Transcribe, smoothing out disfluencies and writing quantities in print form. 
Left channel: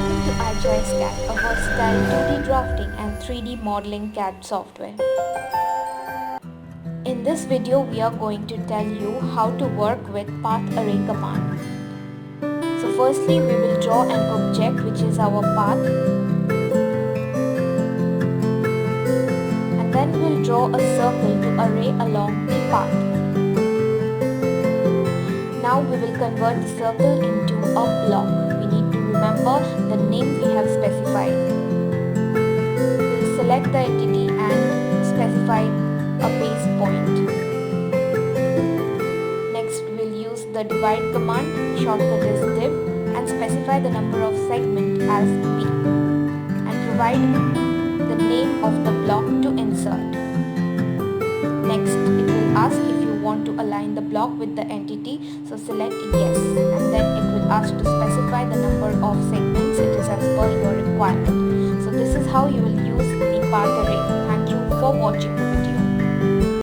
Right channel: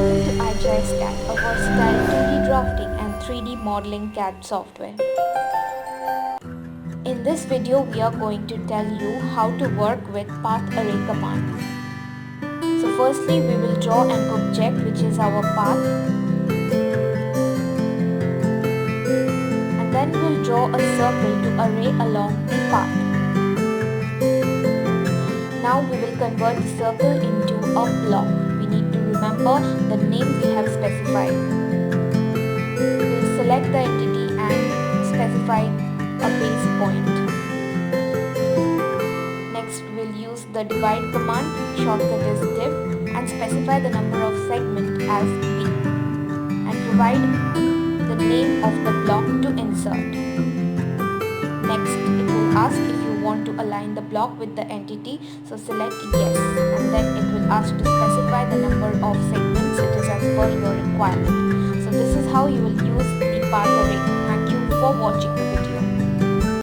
Welcome to IGiS CAD, a versatile 2D drafting and 3D modeling CAD software. In this video, we are going to tell you how to work with path array command. So firstly, we will draw an object which is our path, and then we will draw a circle to array along the path. Now we will convert the circle into a block. We need to remember the name we have specified. We will select the entity and specify a base point. Next we will use the divide command, shortcut is div, and specify the number of segment as b, and provide the name of the block to insert. Next it will ask if you want to align the block with the entity, so select yes, and then it will ask to specify the number of segments it is as per your requirement. So this is how you will use the path array. Thank you for watching the video.